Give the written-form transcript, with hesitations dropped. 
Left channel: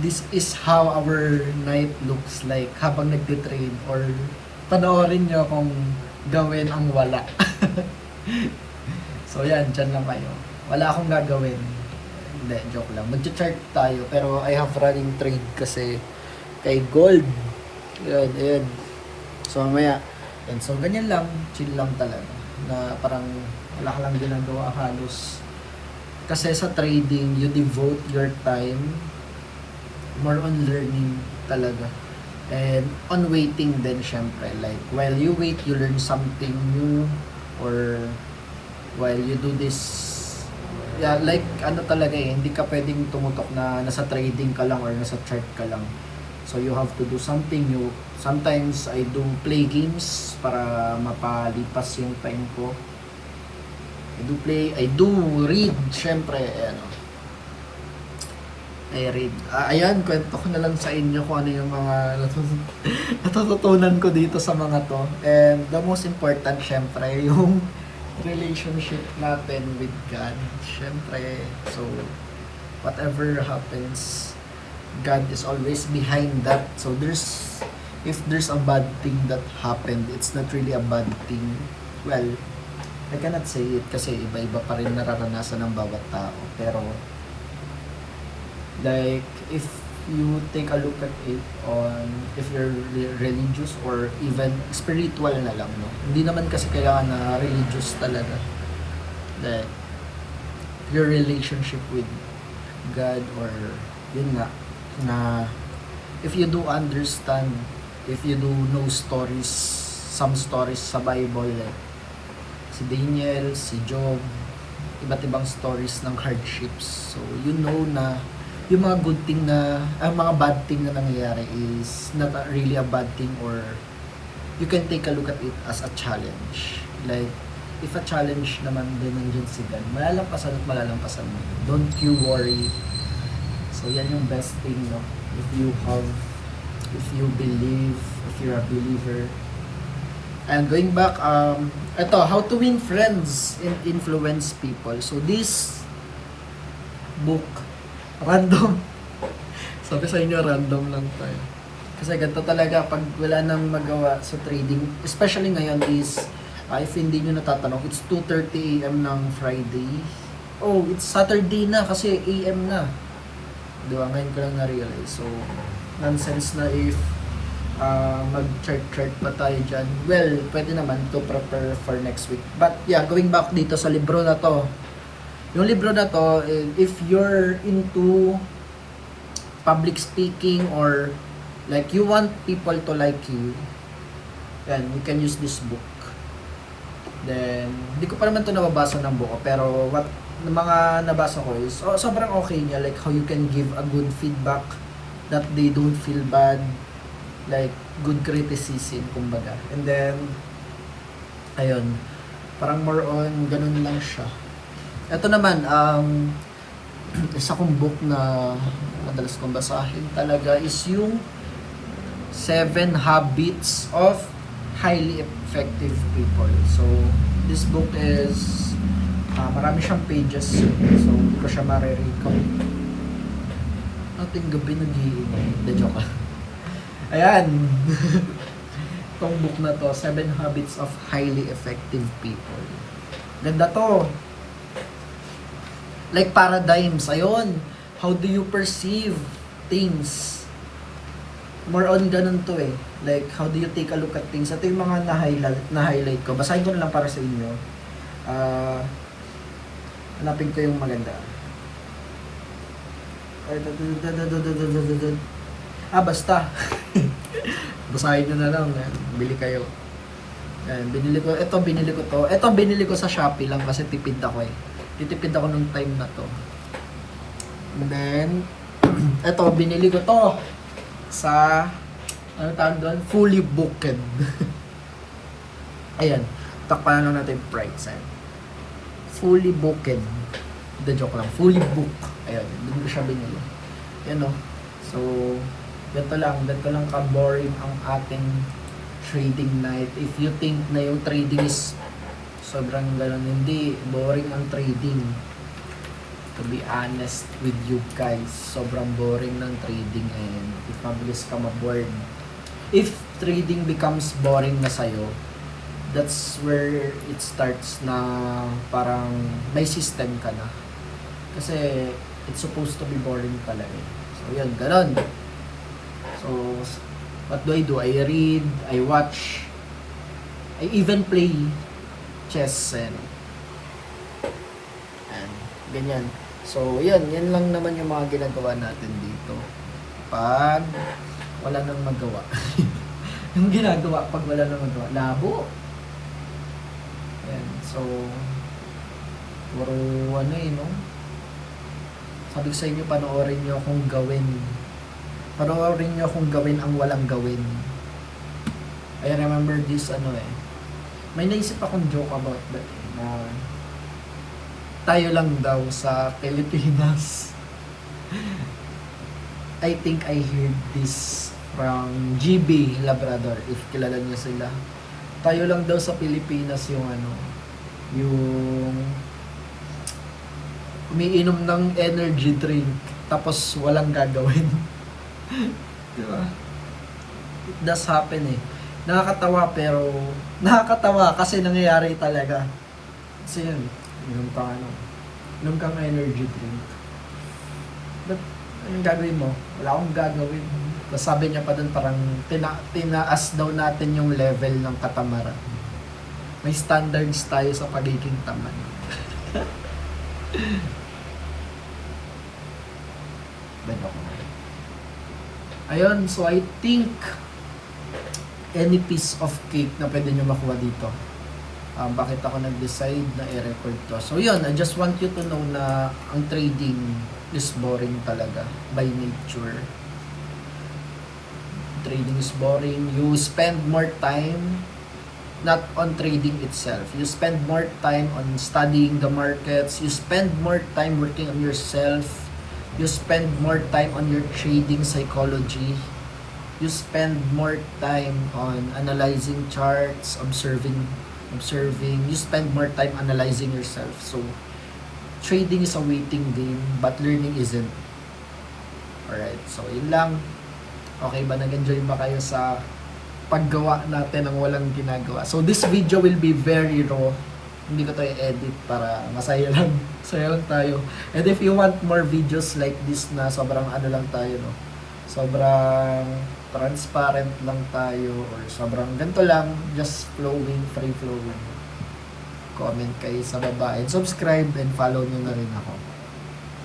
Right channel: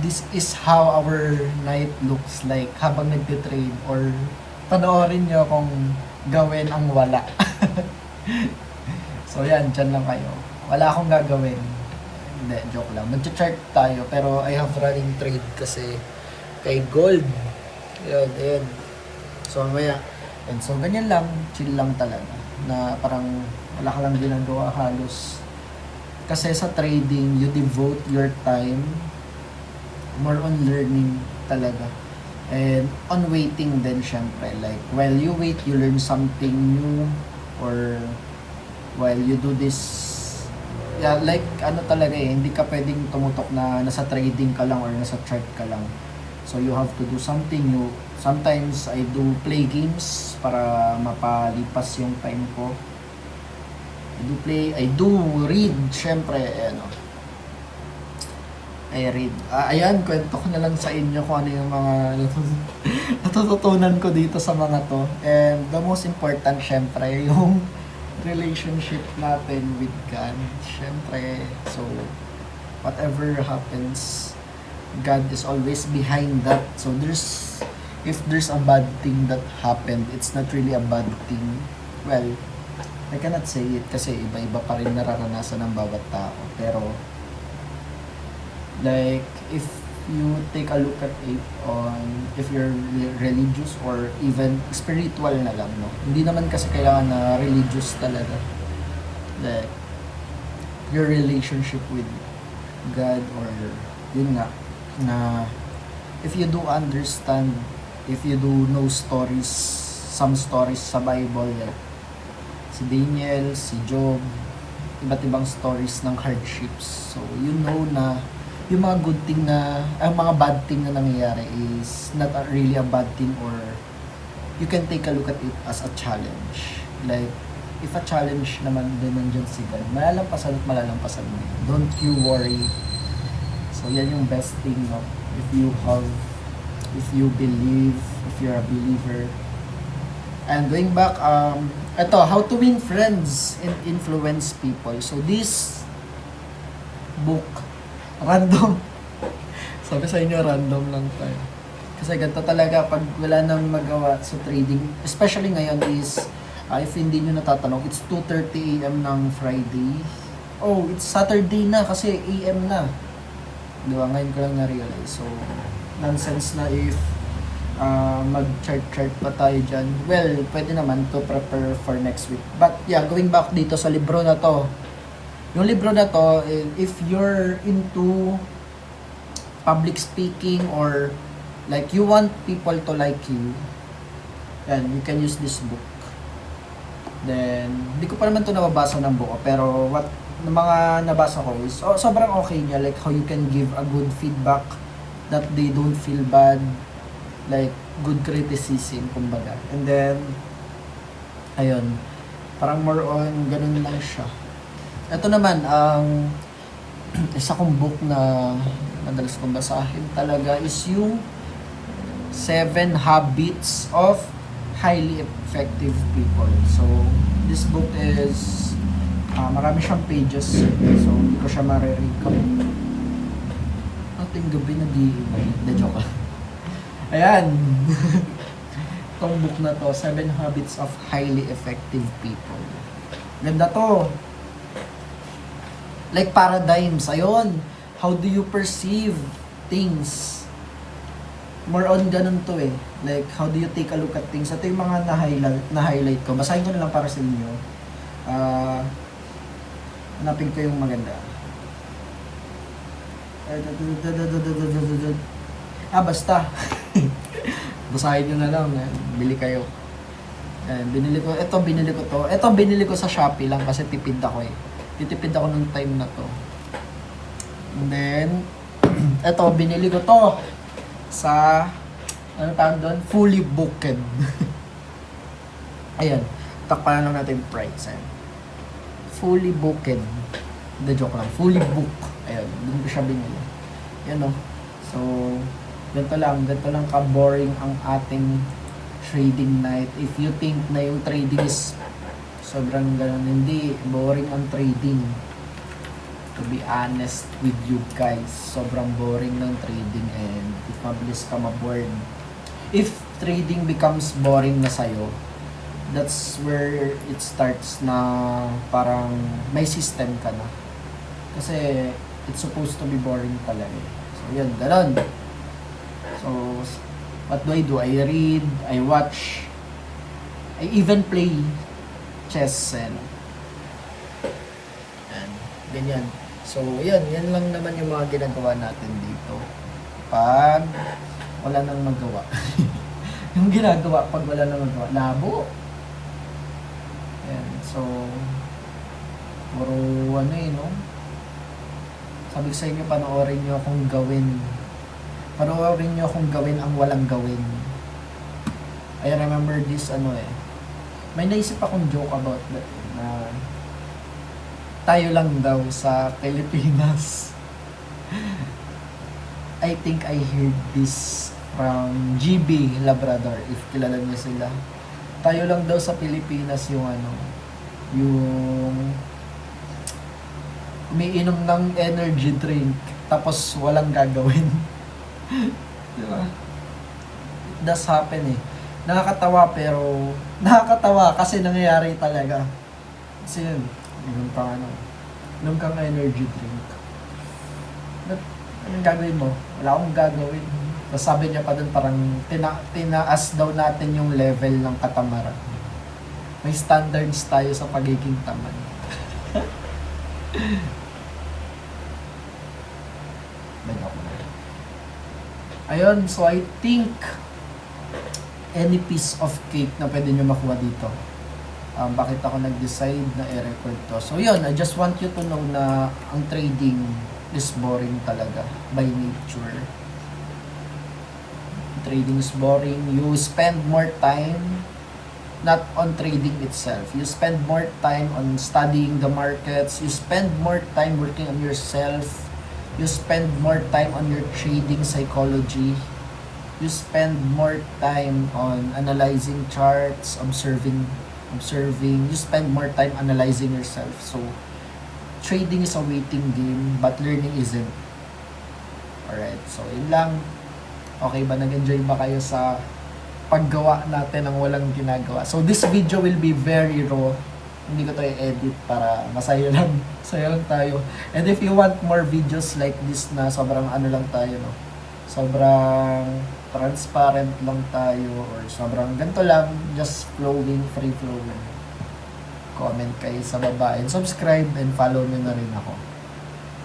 this is how our night looks like habang nagtitrade, or panoorin nyo kung gawin ang wala. So yan, dyan lang kayo. Wala akong gagawin. Hindi, joke lang. Mag-chart tayo, pero I have running trade kasi kay gold. Yan, yan. So mamaya, and so ganyan lang, chill lang talaga. Na parang wala ka lang ginagawa halos. Kasi sa trading, you devote your time more on learning talaga. And on waiting din syempre. Like, while you wait, you learn something new. Or while you do this, yeah, like, ano talaga hindi ka pwedeng tumutok na nasa trading ka lang or nasa chart ka lang. So, you have to do something new. Sometimes, I do play games para mapalipas yung time ko. I do read, syempre, ano, I read. Ayan, kwento ko na lang sa inyo kung ano yung mga natututunan ko dito sa mga to. And the most important, syempre, yung relationship natin with God. Syempre, so, whatever happens, God is always behind that. So, if there's a bad thing that happened, it's not really a bad thing. Well, I cannot say it kasi iba-iba pa rin nararanasan ng bawat tao. Pero, like, if you take a look at it on if you're religious or even spiritual na lang, no? Hindi naman kasi kailangan na religious talaga. Like, your relationship with God, or yun nga, na if you do understand, if you do know stories, some stories sa Bible, like si Daniel, si Job, iba't ibang stories ng hardships. So, you know na yung mga good thing na, ang mga bad thing na nangyayari is not really a bad thing, or you can take a look at it as a challenge. Like, if a challenge naman din nandyan si God, malalampasan at malalampasan mo. Don't you worry. So, yan yung best thing, no? If you believe, if you're a believer. And going back, ito, how to win friends and influence people. So, this book, random. Sabi sa inyo, random lang tayo. Kasi ganito talaga, pag wala nang magawa sa trading, especially ngayon is, if hindi nyo natatanong, it's 2:30 AM ng Friday. Oh, it's Saturday na kasi AM na. Diba, ngayon ko lang na-realize. So, nonsense na if mag-chart pa tayo dyan. Well, pwede naman to prepare for next week. But yeah, going back dito sa libro na to, yung libro na to, if you're into public speaking, or like you want people to like you, then you can use this book. Then, hindi ko pa naman to nababasa ng buo, pero what mga nabasa ko is, sobrang okay niya, like how you can give a good feedback that they don't feel bad, like good criticism, kumbaga. And then, ayun, parang more on ganun lang siya. Ito naman, isa kong book na madalas kong basahin talaga is yung 7 Habits of Highly Effective People. So, this book is, marami siyang pages, so hindi ko siya mariread ko. Ating gabi nag-iinom. The joke. Ayan. Itong book na to, 7 Habits of Highly Effective People. Ganda to. Like paradigms, ayun. How do you perceive things? More on ganun to eh. Like, how do you take a look at things? Ito yung mga na-highlight ko. Basahin ko na lang para sa inyo. Hanapin ko yung maganda. Basta. Basahin nyo na lang. Bili kayo. Binili ko to. Ito binili ko sa Shopee lang kasi tipid ako eh. Titipid ako nung time na to. And then, eto, binili ko to sa, ano tawag doon? Fully Booked. Ayan, takpan na natin price. Ayan. Fully Booked. The joke lang, fully book. Ayan, doon ko siya binili. Ayan o. So, ganito lang ka-boring ang ating trading night. If you think na yung trading is sobrang ganun, hindi, boring ang trading. to be honest with you guys, sobrang boring ng trading, and if mabilis ka maboard, if trading becomes boring na sa'yo, that's where it starts na parang may system ka na. Kasi it's supposed to be boring talaga. So yun, ganon. So what do? I read, I watch, I even play chess and ganyan. So yan lang naman yung mga ginagawa natin dito pag wala nang magawa. Yung ginagawa pag wala nang magawa, labo. Yan. So puro ano no? Sabi ko sa inyo, panoorin nyo akong gawin. Panoorin nyo akong gawin ang walang gawin. I remember this may naisip akong joke about that na tayo lang daw sa Pilipinas. I think I heard this from GB Labrador, if kilala niyo sila. Tayo lang daw sa Pilipinas yung yung umiinom ng energy drink tapos walang gagawin. Diba? It does happen Nakakatawa, pero nakakatawa kasi nangyayari talaga. Kasi yun, inom kang energy drink. But anong gagawin mo? Wala akong gagawin. Tapos sabi niya pa dun, parang tinaas daw natin yung level ng katamaran. May standards tayo sa pagiging tamad. Ayun, so I think any piece of cake na pwede nyo makuha dito. Bakit ako nag-decide na i-record to? So yun, I just want you to know na ang trading is boring talaga by nature. Trading is boring. You spend more time not on trading itself. You spend more time on studying the markets. You spend more time working on yourself. You spend more time on your trading psychology. You spend more time on analyzing charts, observing. You spend more time analyzing yourself. So, trading is a waiting game, but learning isn't. Alright, so yun lang. Okay ba? Nag-enjoy ba kayo sa paggawa natin ng walang ginagawa? So, this video will be very raw. Hindi ko to i-edit para masaya lang. Masaya lang tayo. And if you want more videos like this na sobrang lang tayo, sobrang transparent lang tayo, or sobrang ganito lang, just flowing, free flowing, comment kayo sa baba and subscribe and follow nyo na rin ako.